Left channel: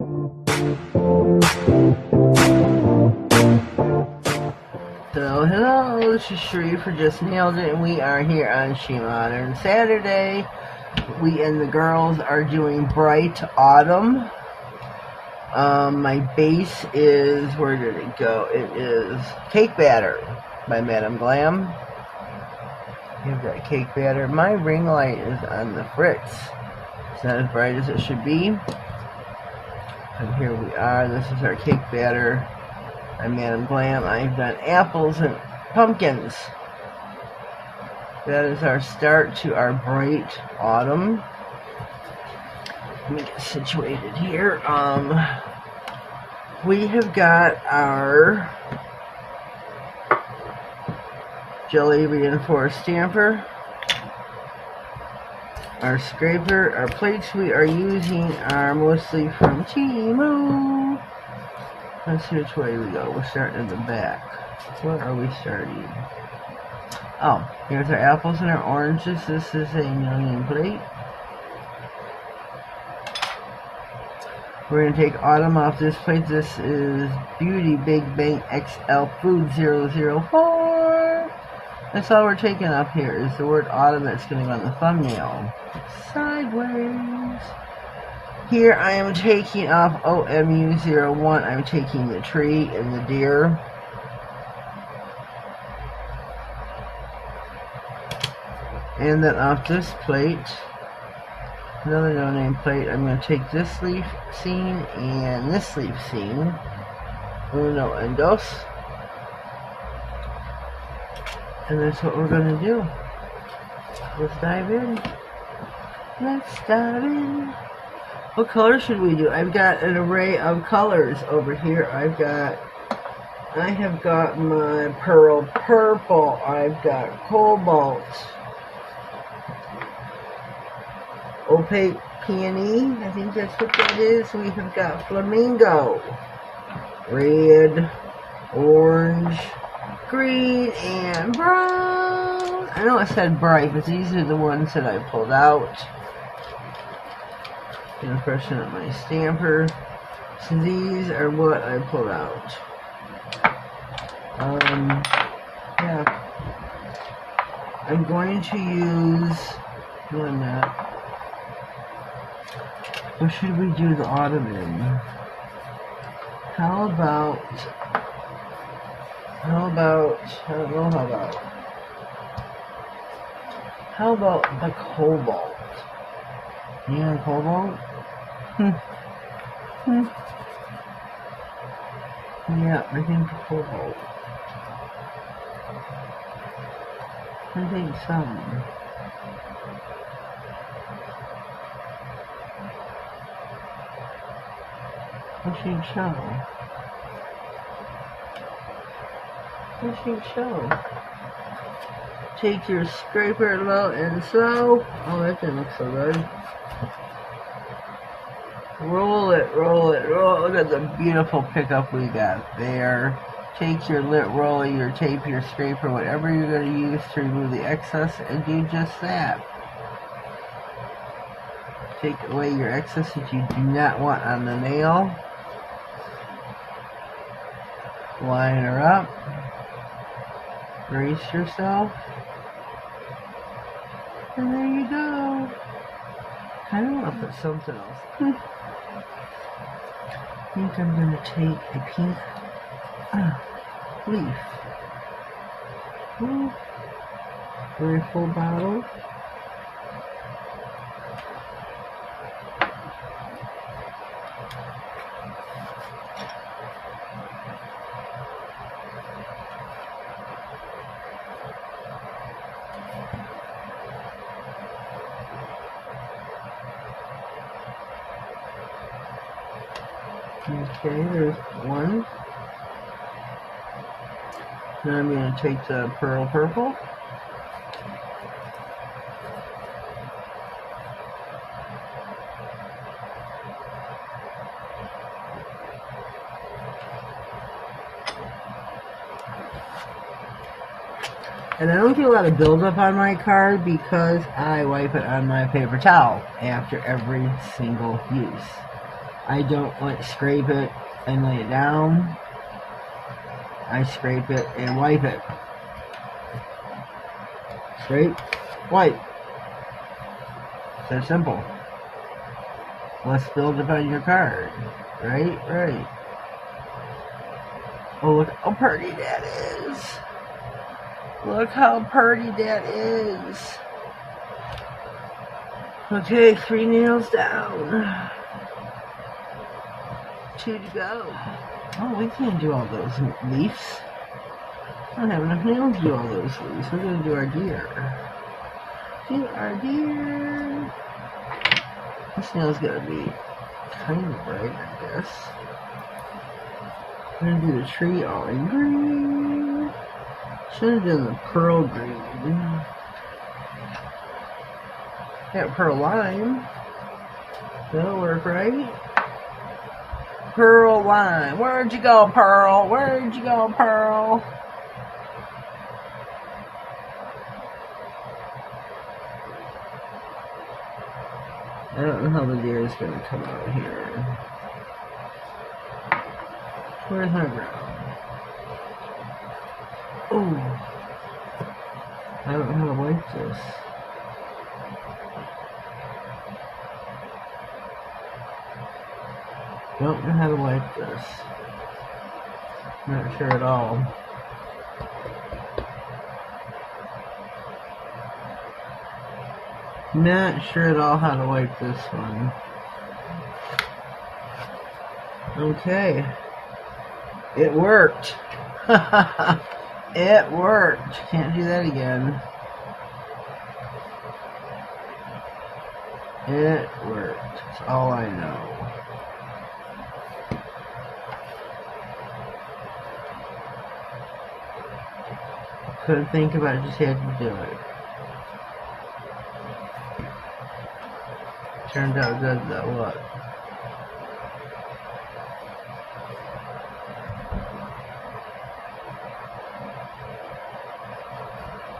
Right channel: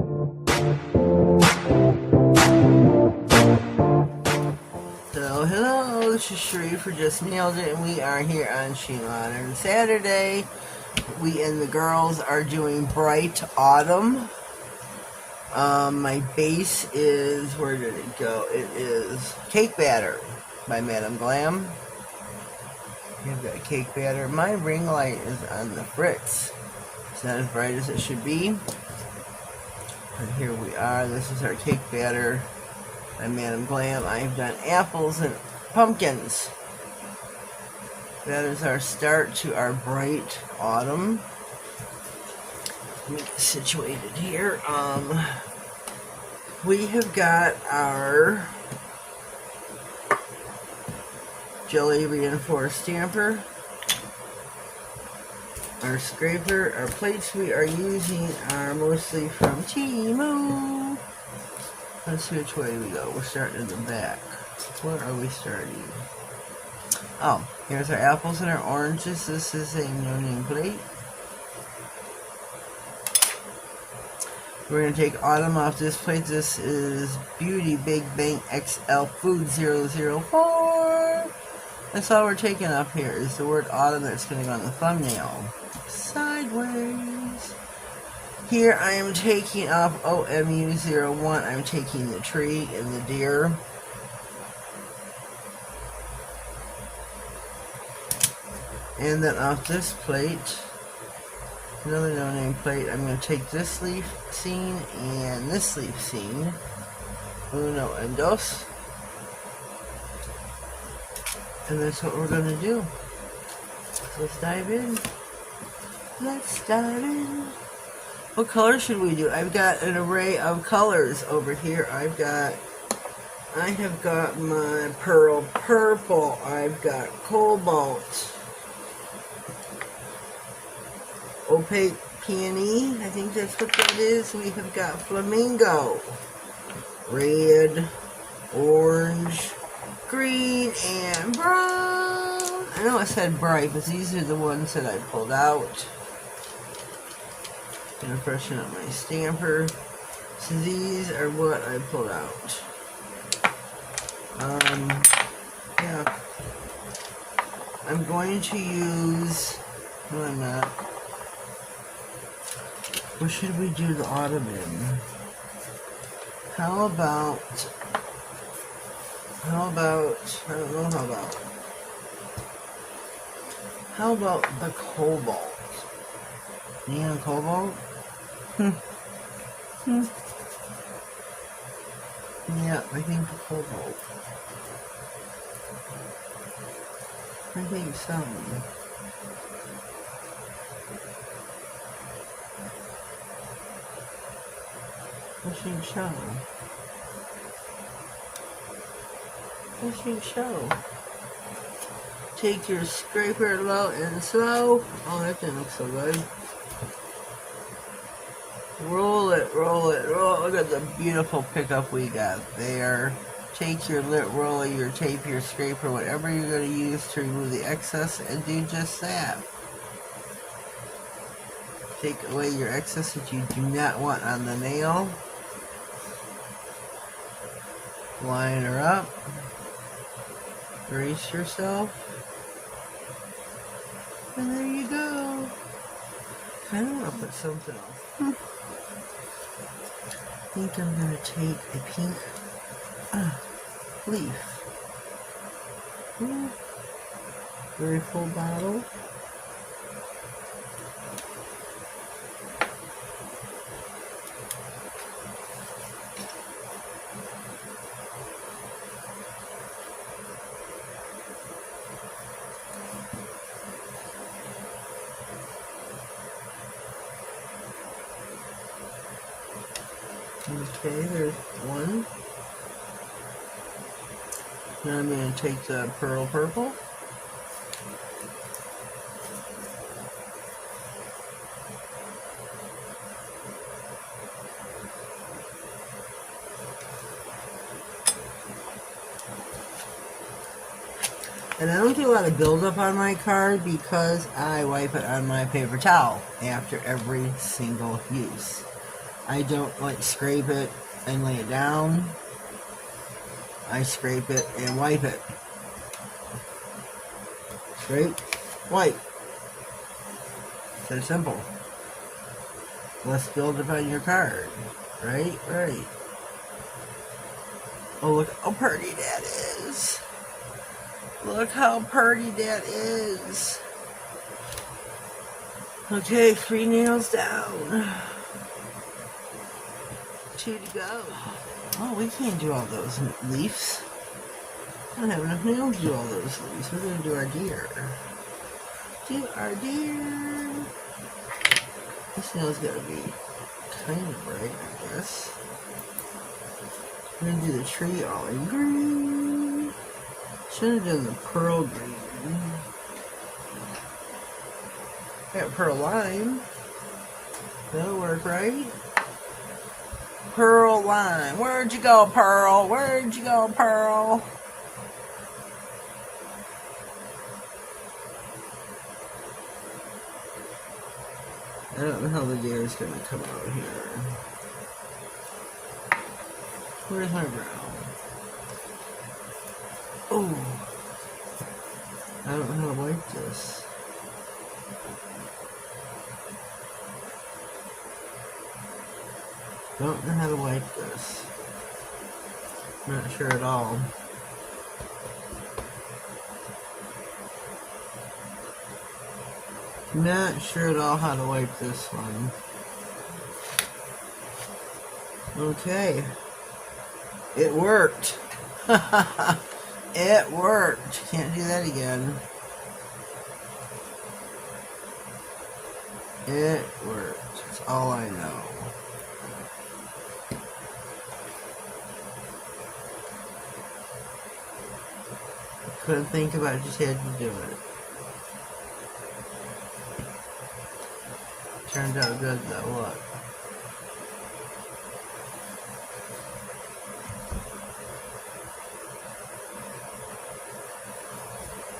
So hello, this is Sheree for Just Nailed It, and we are here on SheModern. Saturday, we and the girls are doing Bright Autumn. My base is, where did it go? It is Cake Batter by Glam. You've got cake batter. My ring light is on the fritz. It's not as bright as it should be. And here we are. This is our cake batter. I'm Glam. I've done apples and pumpkins. That is our start to our bright autumn. Let me get situated here. We have got our jelly reinforced stamper, our scraper. Our plates we are using are mostly from Temu. Let's see which way we go. We're starting in the back. Where are we starting? Oh, here's our apples and our oranges. This is a million plate. We're going to take autumn off this plate. This is Beauty Big Bang XL Food 004. That's all we're taking up here is the word autumn that's going to go on the thumbnail. Sideways. Here I am taking off OMU01. I'm taking the tree and the deer. And then off this plate, another no-name plate, I'm going to take this leaf scene and this leaf scene. Uno and dos. And that's what we're going to do. Let's dive in. Let's dive in. What color should we do? I've got an array of colors over here. I have got my pearl purple. I've got cobalt. Opaque peony. I think that's what that is. We have got flamingo. Red. Orange. Green and brown. I know I said bright, but these are the ones that I pulled out. Gonna freshen up my stamper. So these are what I pulled out. Yeah. I'm going to use, no I'm not. What should we do the autumn in? How about, I don't know how about the cobalt? Neon cobalt? Yeah, I think the cobalt. I think so. I think so. Take your scraper low and slow. Oh, that didn't look so good. Roll it, roll it, roll. Look at the beautiful pickup we got there. Take your lit roller, your tape, your scraper, whatever you're going to use to remove the excess, and do just that. Take away your excess that you do not want on the nail. Line her up. Brace yourself. And there you go. Kind of want to put something else. I think I'm going to take a pink leaf. Very full bottle. Okay, there's one. Now I'm going to take the pearl purple. And I don't do a lot of buildup on my card because I wipe it on my paper towel after every single use. I don't like scrape it and lay it down. I scrape it and wipe it. Scrape, wipe. So simple. Let's build it on your card. Right, right. Oh, look how pretty that is. Look how pretty that is. Okay, 3 nails down. 2 to go. Oh, we can't do all those leaves. I don't have enough nails to do all those leaves. We're going to do our deer. Do our deer. This nail's going to be kind of bright, I guess. I'm going to do the tree all in green. Should have done the pearl green. Got pearl lime. That'll work, right? Pearl lime. Where'd you go, Pearl? Where'd you go, Pearl? I don't know how the deer is going to come out here. Where's my ground? Oh. I don't know how to wipe this. Don't know how to wipe this. I'm not sure at all. Not sure at all how to wipe this one. Okay. It worked. It worked. Can't do that again. It worked. That's all I know. Couldn't think about it, just had to do it. Turned out good though, look.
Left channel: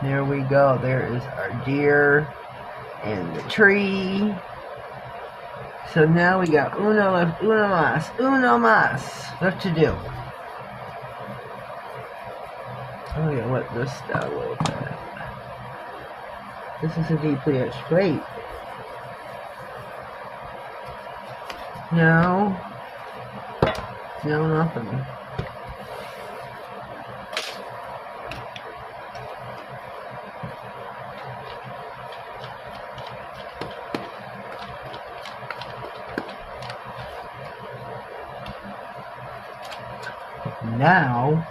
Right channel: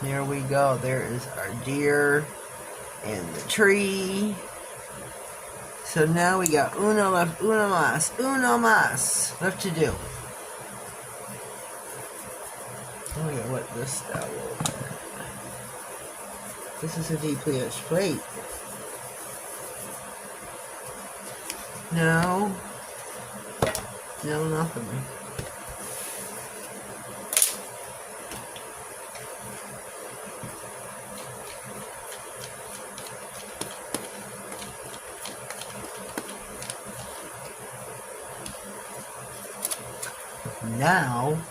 There we go, there is our deer and the tree. So now we got uno mas left to do. I'm gonna wet this down a little bit. This is a deeply etched plate. No, nothing. Now,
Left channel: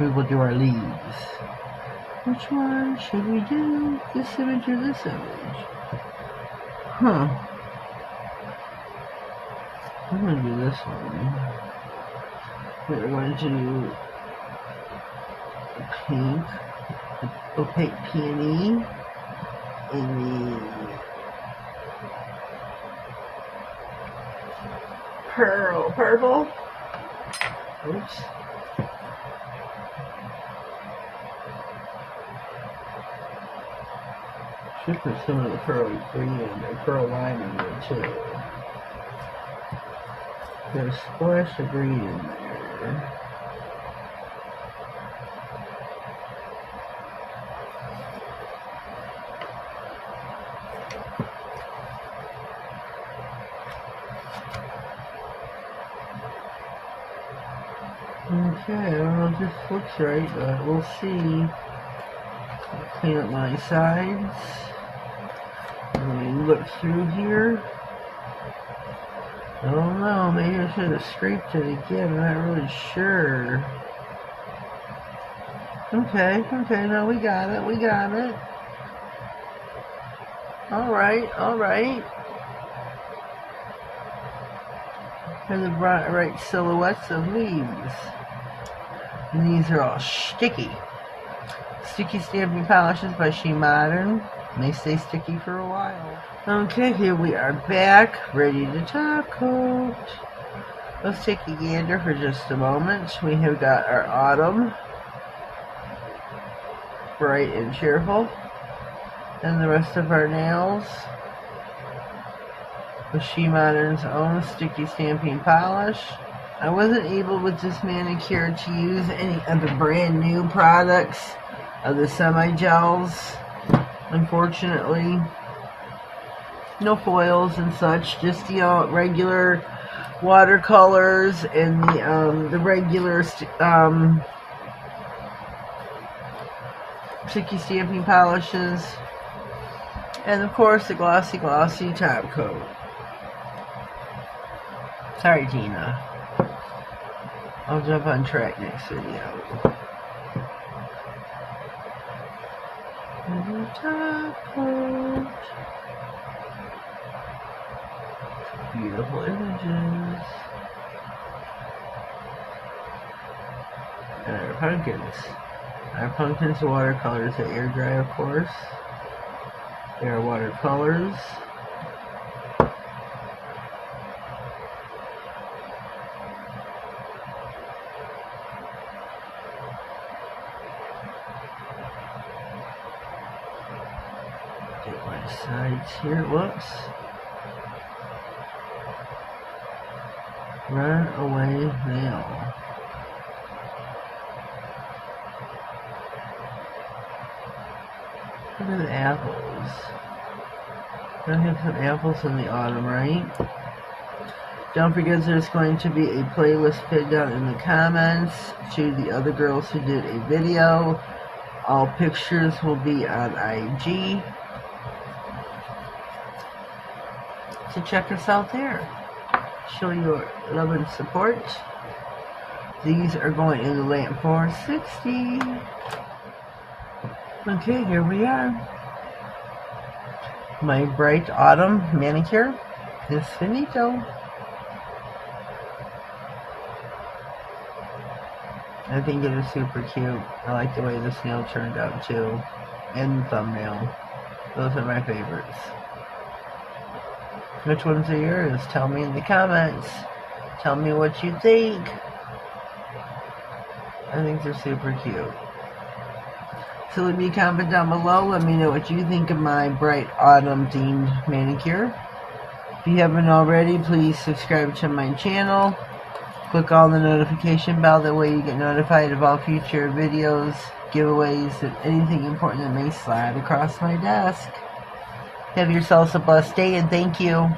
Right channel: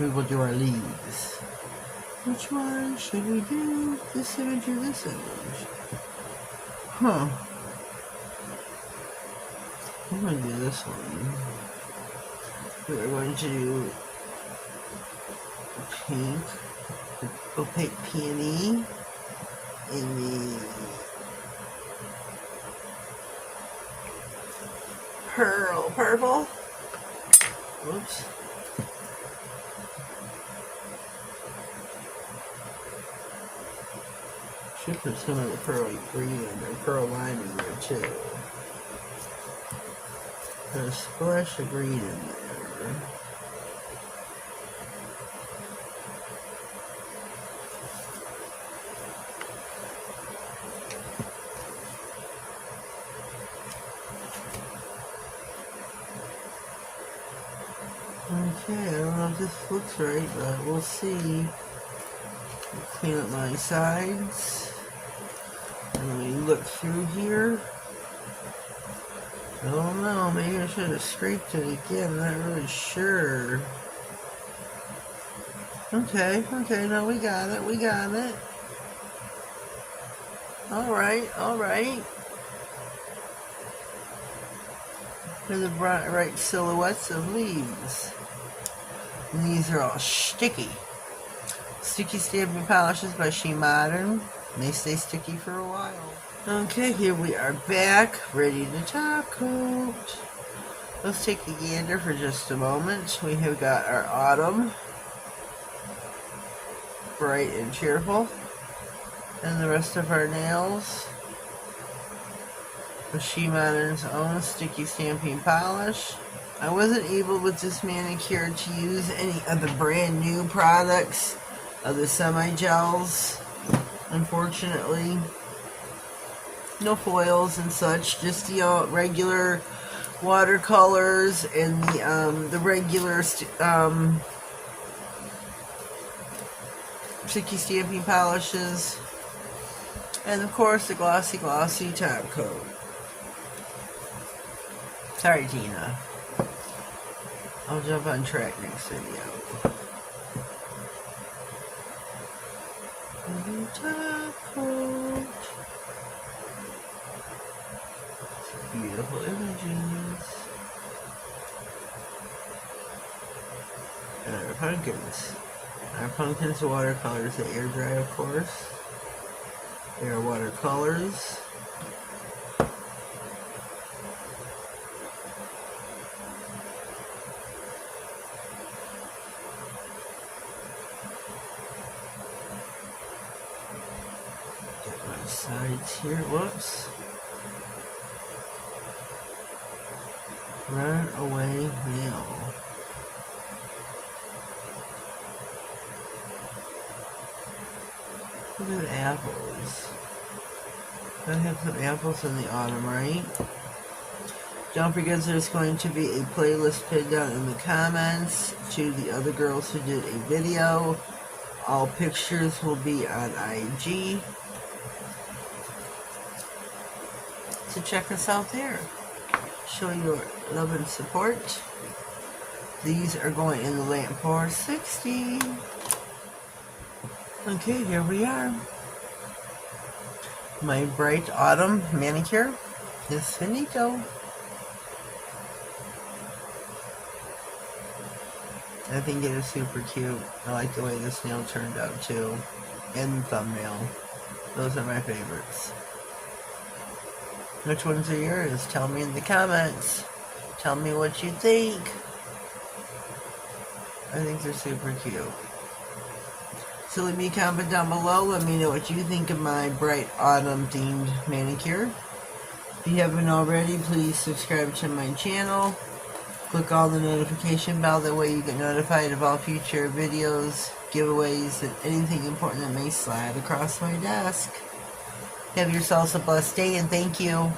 we will do our leaves. Which one should we do? This image or this image? Huh. I'm going to do this one. We're going to do pink, opaque peony, and the pearl purple. Oops. Should put some of the pearly green and pearl lime in there too. There's a splash of green in there. Okay, I don't know if this looks right, but we'll see. I'll clean up my sides. Let me look through here. I don't know, maybe I should have scraped it again, I'm not really sure. Okay, now we got it. Alright. And the right silhouettes of leaves. And these are all sticky. Sticky stamping polishes by SheModern. They stay sticky for a while. Okay, here we are back, ready to top coat. Let's take a gander for just a moment. We have got our autumn, bright and cheerful. And the rest of our nails with SheModern's own sticky stamping polish. I wasn't able with this manicure to use any of the brand new products of the semi-gels, unfortunately. No foils and such, just the regular watercolors and the regular sticky stamping polishes, and of course the glossy top coat. Sorry, Tina. I'll jump on track next video. And top coat. Beautiful images. And our pumpkins. Our pumpkins are watercolors that air dry, of course. They are watercolors. Get my sides here. Whoops. Runaway Mail. Look at the apples. Gotta have some apples in the autumn, right? Don't forget there's going to be a playlist pinned down in the comments to the other girls who did a video. All pictures will be on IG. So check us out there. Show your love and support. These are going in the lamp for $60. Okay, here we are. My bright autumn manicure is finito. I think it is super cute. I like the way this nail turned out too. And the thumbnail. Those are my favorites. Which ones are yours? Tell me in the comments. Tell me what you think. I think they're super cute. So leave me a comment down below. Let me know what you think of my bright autumn themed manicure. If you haven't already, please subscribe to my channel. Click on the notification bell. That way you get notified of all future videos, giveaways, and anything important that may slide across my desk. Have yourselves a blessed day, and thank you.